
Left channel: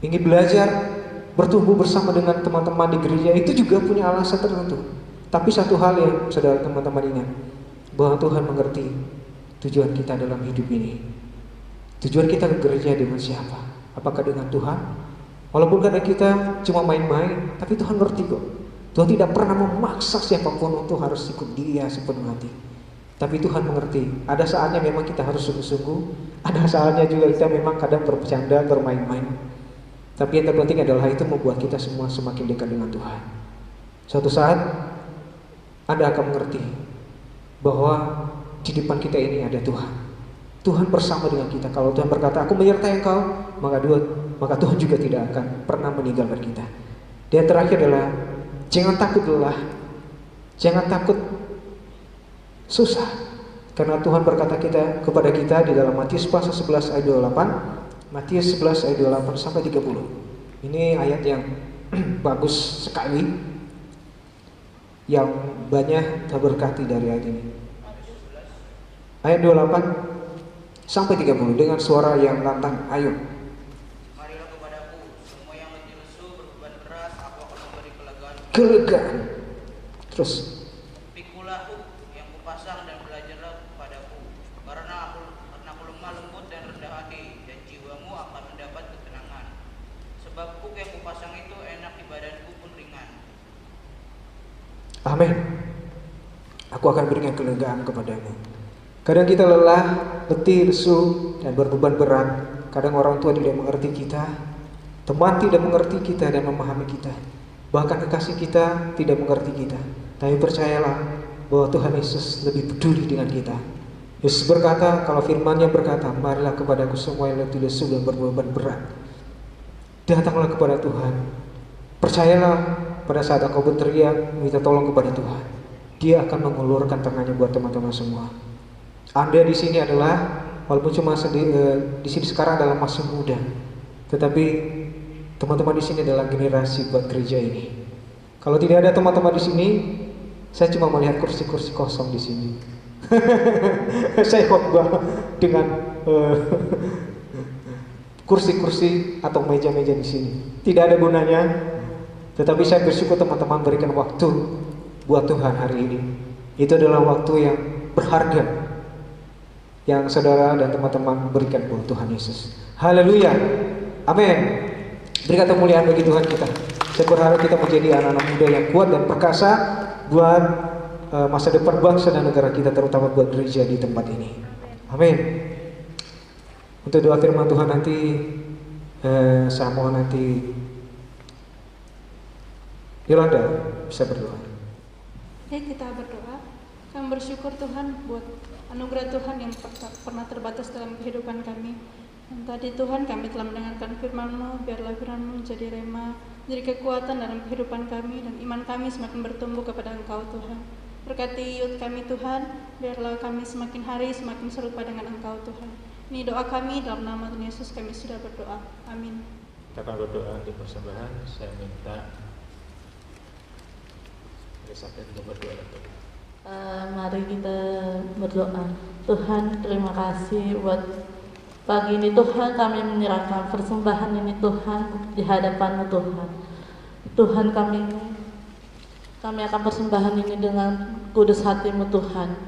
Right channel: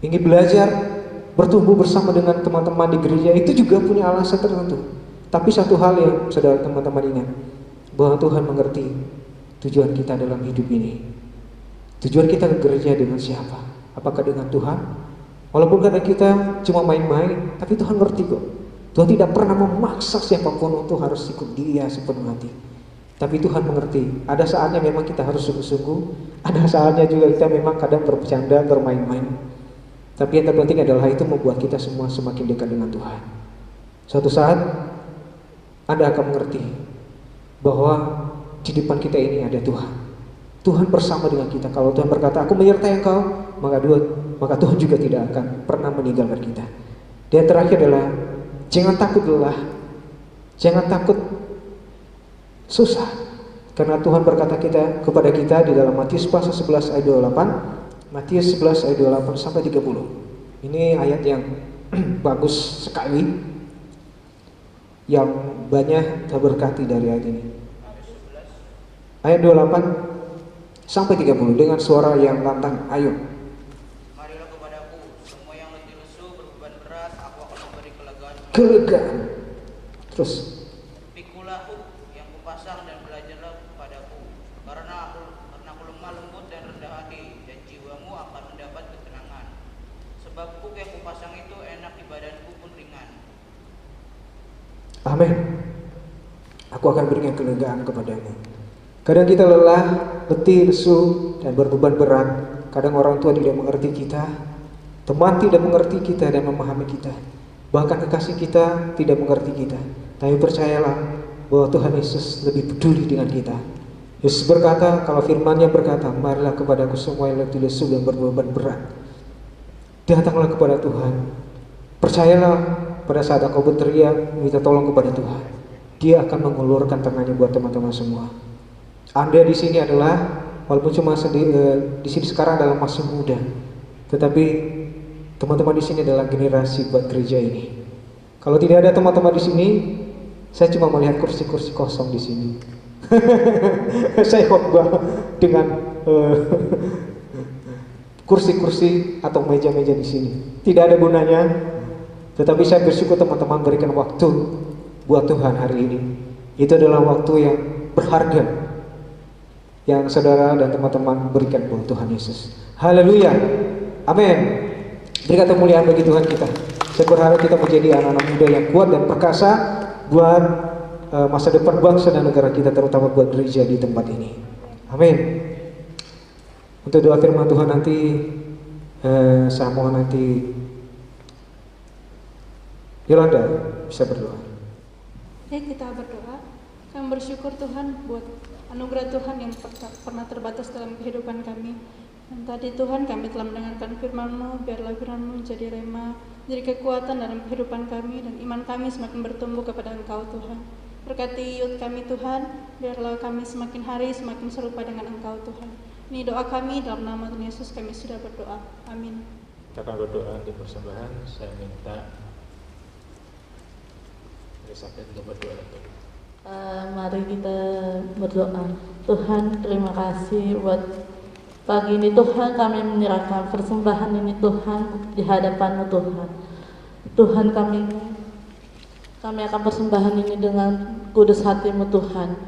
Ingin belajar, bertumbuh bersama dengan teman-teman di gereja, itu juga punya alasan tertentu. Tapi satu hal yang saudara teman-teman ingat, bahwa Tuhan mengerti tujuan kita dalam hidup ini. Tujuan kita ke gereja dengan siapa? Apakah dengan Tuhan? Walaupun kadang kita cuma main-main, tapi Tuhan ngerti kok. Tuhan tidak pernah memaksa siapapun untuk harus ikut Dia sepenuh hati. Tapi Tuhan mengerti. Ada saatnya memang kita harus sungguh-sungguh. Ada saatnya juga kita memang kadang bercanda, bermain-main. Tapi yang terpenting adalah itu membuat kita semua semakin dekat dengan Tuhan. Suatu saat Anda akan mengerti bahwa di depan kita ini ada Tuhan. Tuhan bersama dengan kita. Kalau Tuhan berkata, aku menyertai engkau, maka Tuhan juga tidak akan pernah meninggalkan kita. Dan terakhir adalah jangan takut lelah, jangan takut susah, karena Tuhan berkata kepada kita di dalam Matius pasal 11 ayat 28, Matius 11 ayat 28 sampai 30. Ini ayat yang bagus sekali, yang banyak terberkati dari ayat ini. Ayat 28 sampai 30 dengan suara yang lantang, ayo. Marilah kepadaku, semua yang letih lesu berbeban berat, aku akan memberi kelegaan. Terus. Pikulah yang kupasang dan belajarlah kepadaku, karena aku lemah lembut dan rendah hati, dan jiwamu akan mendapat ketenangan. Sebab kuk yang kupasang itu enak di badanku pun ringan. Amin. Aku akan berikan kelegaan kepadamu. Kadang kita lelah, letih, lesu, dan berbeban berat. Kadang orang tua tidak mengerti kita, teman tidak mengerti kita dan memahami kita. Bahkan kekasih kita tidak mengerti kita. Tapi percayalah bahwa Tuhan Yesus lebih peduli dengan kita. Yesus berkata, kalau firman-Nya berkata, marilah kepadaku semua yang letih, lesu, dan berbeban berat. Datanglah kepada Tuhan. Percayalah pada saat engkau berteriak, minta tolong kepada Tuhan. Dia akan mengulurkan tangannya buat teman-teman semua. Anda di sini adalah, walaupun cuma di sini sekarang adalah masih muda, tetapi teman-teman di sini adalah generasi buat gereja ini. Kalau tidak ada teman-teman di sini, saya cuma melihat kursi-kursi kosong di sini. Saya khotbah dengan kursi-kursi atau meja-meja di sini. Tidak ada gunanya. Tetapi saya bersyukur teman-teman berikan waktu buat Tuhan hari ini. Itu adalah waktu yang berharga yang saudara dan teman-teman berikan buat Tuhan Yesus. Haleluya. Amin. Berikan kemuliaan bagi Tuhan kita. Saya berharap kita menjadi anak-anak muda yang kuat dan perkasa buat masa depan bangsa dan negara kita, terutama buat gereja di tempat ini. Amin. Untuk doa firman Tuhan nanti saya mohon nanti Yolanda bisa berdoa. Kita berdoa. Kami bersyukur Tuhan buat anugerah Tuhan yang pernah terbatas dalam kehidupan kami. Dan tadi Tuhan kami telah mendengarkan firman-Mu, biarlah firman-Mu menjadi rema, menjadi kekuatan dalam kehidupan kami, dan iman kami semakin bertumbuh kepada Engkau Tuhan. Berkati youth kami Tuhan, biarlah kami semakin hari semakin serupa dengan Engkau Tuhan. Ini doa kami dalam nama Tuhan Yesus kami sudah berdoa. Amin. Kita akan berdoa di persembahan. Saya minta Elizabeth untuk berdoa dulu. Mari kita berdoa. Tuhan, terima kasih buat pagi ini Tuhan, kami menyerahkan persembahan ini Tuhan di hadapan-Mu Tuhan. Tuhan, kami akan persembahan ini dengan kudus hati-Mu Tuhan.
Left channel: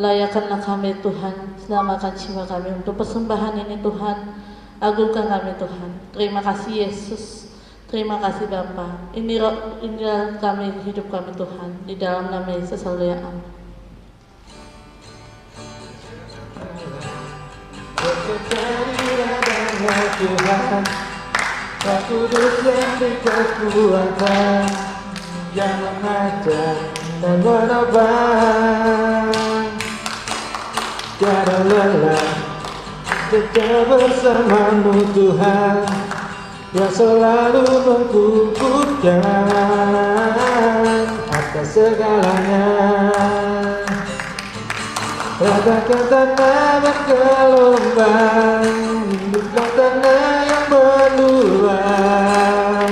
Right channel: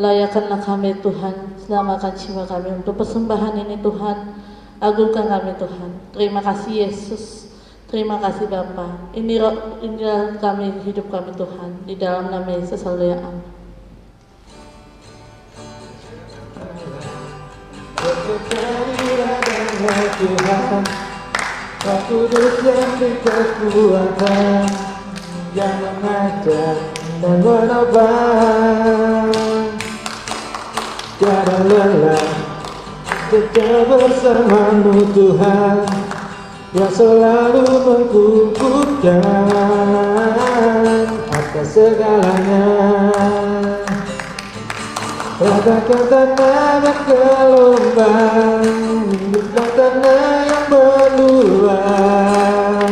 Layakkanlah kami Tuhan, selamatkan jiwa kami untuk persembahan ini Tuhan. Agungkan kami Tuhan. Terima kasih Yesus. Terima kasih Bapa. Inilah kami, hidup kami Tuhan. Di dalam nama Yesus haleluya. Amin. Tuhan, Roh Kudus yang berkekuatan, yang mengajar dan menobang. Tiada lelah tetap bersama-Mu Tuhan, yang selalu mengkukuhkan atas segalanya. Ratakan tanah bergelombang, hiduplah tanah yang berulang,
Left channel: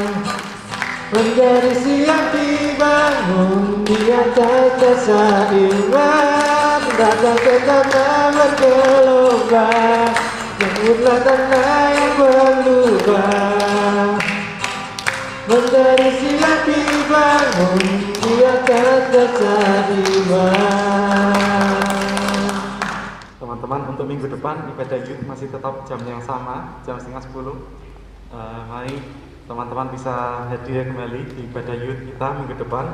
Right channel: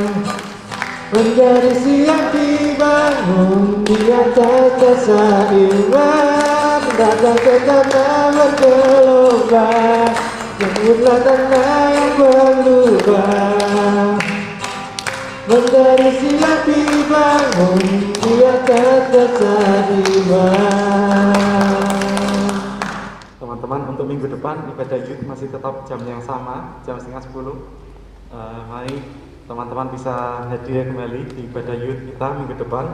menjadi siap dibangun di atas dasar iman. Ratakan tanah bergelombang, hiduplah tanah yang berubah, menjadi siap dibangun di atas dasar iman. Teman-teman, untuk minggu depan ibadah youth masih tetap jam yang sama, jam 9:30. Mari teman-teman bisa hadir kembali di ibadah youth kita minggu depan.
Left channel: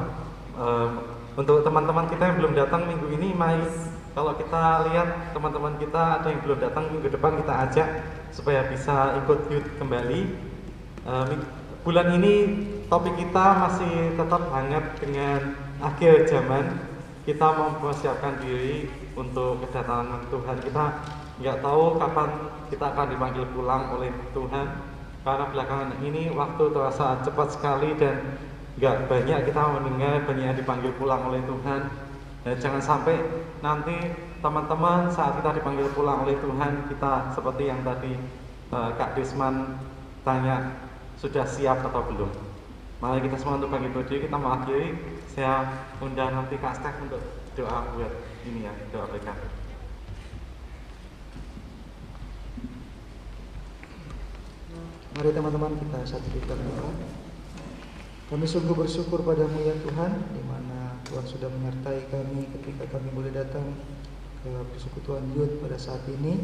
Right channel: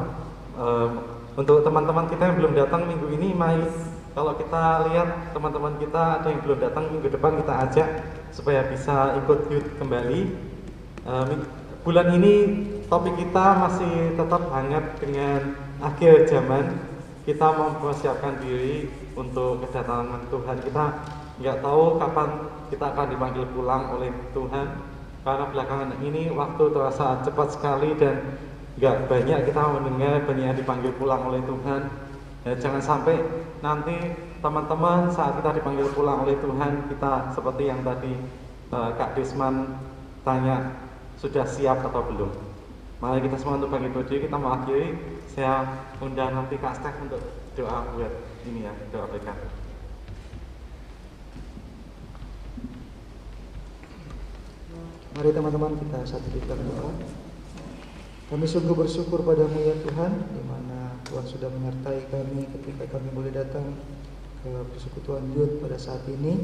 Untuk teman-teman kita yang belum datang minggu ini, mari kalau kita lihat teman-teman kita ada yang belum datang minggu depan, kita ajak supaya bisa ikut youth kembali. Bulan ini topik kita masih tetap hangat dengan akhir zaman. Kita mempersiapkan diri untuk kedatangan Tuhan. Kita nggak tahu kapan kita akan dipanggil pulang oleh Tuhan, karena belakangan ini waktu terasa cepat sekali dan nggak banyak kita mendengar banyak yang dipanggil pulang oleh Tuhan. Dan jangan sampai nanti teman-teman saat kita dipanggil pulang oleh Tuhan, kita seperti yang tadi Kak Desman tanya, sudah siap atau belum? Mari kita semua untuk bangkit berdiri, kita mengakhiri. Saya undang nanti Kak Stef untuk doa buat ini ya, doa mereka. Mari teman-teman kita satu di doa. Kami sungguh bersyukur padamu ya Tuhan, di mana Tuhan sudah menyertai kami ketika kami boleh datang ke persekutuan youth pada saat ini.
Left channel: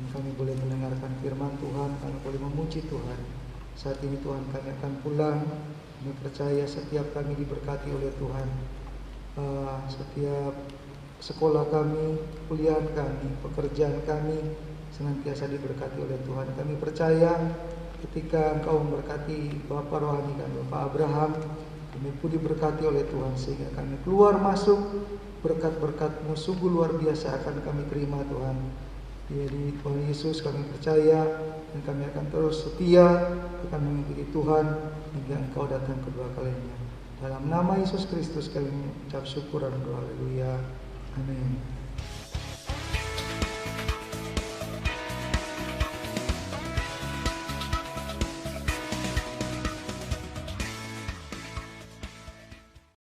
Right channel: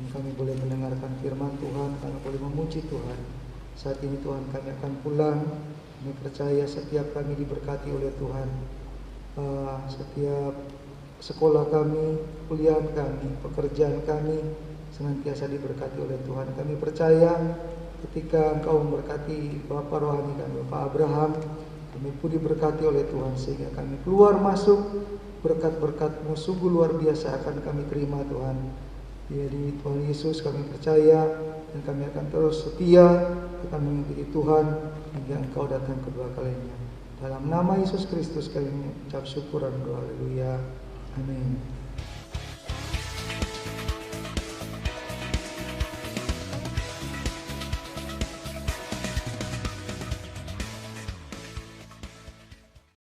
Dan kami boleh mendengarkan firman Tuhan, kami boleh memuji Tuhan. Saat ini Tuhan kami akan pulang. Kami percaya setiap kami diberkati oleh Tuhan. Setiap sekolah kami, kuliah kami, pekerjaan kami senantiasa diberkati oleh Tuhan. Kami percaya ketika Engkau memberkati Bapak rohani kami, Bapak Abraham, kami pun diberkati oleh Tuhan, sehingga kami keluar masuk berkat-berkat-Mu sungguh luar biasa akan kami terima Tuhan. Di Tuhan Yesus kami percaya, dan kami akan terus setia akan mengikuti Tuhan hingga Engkau datang kedua kalinya. Dalam nama Yesus Kristus kami mengucap syukur dan doa, haleluya, amin.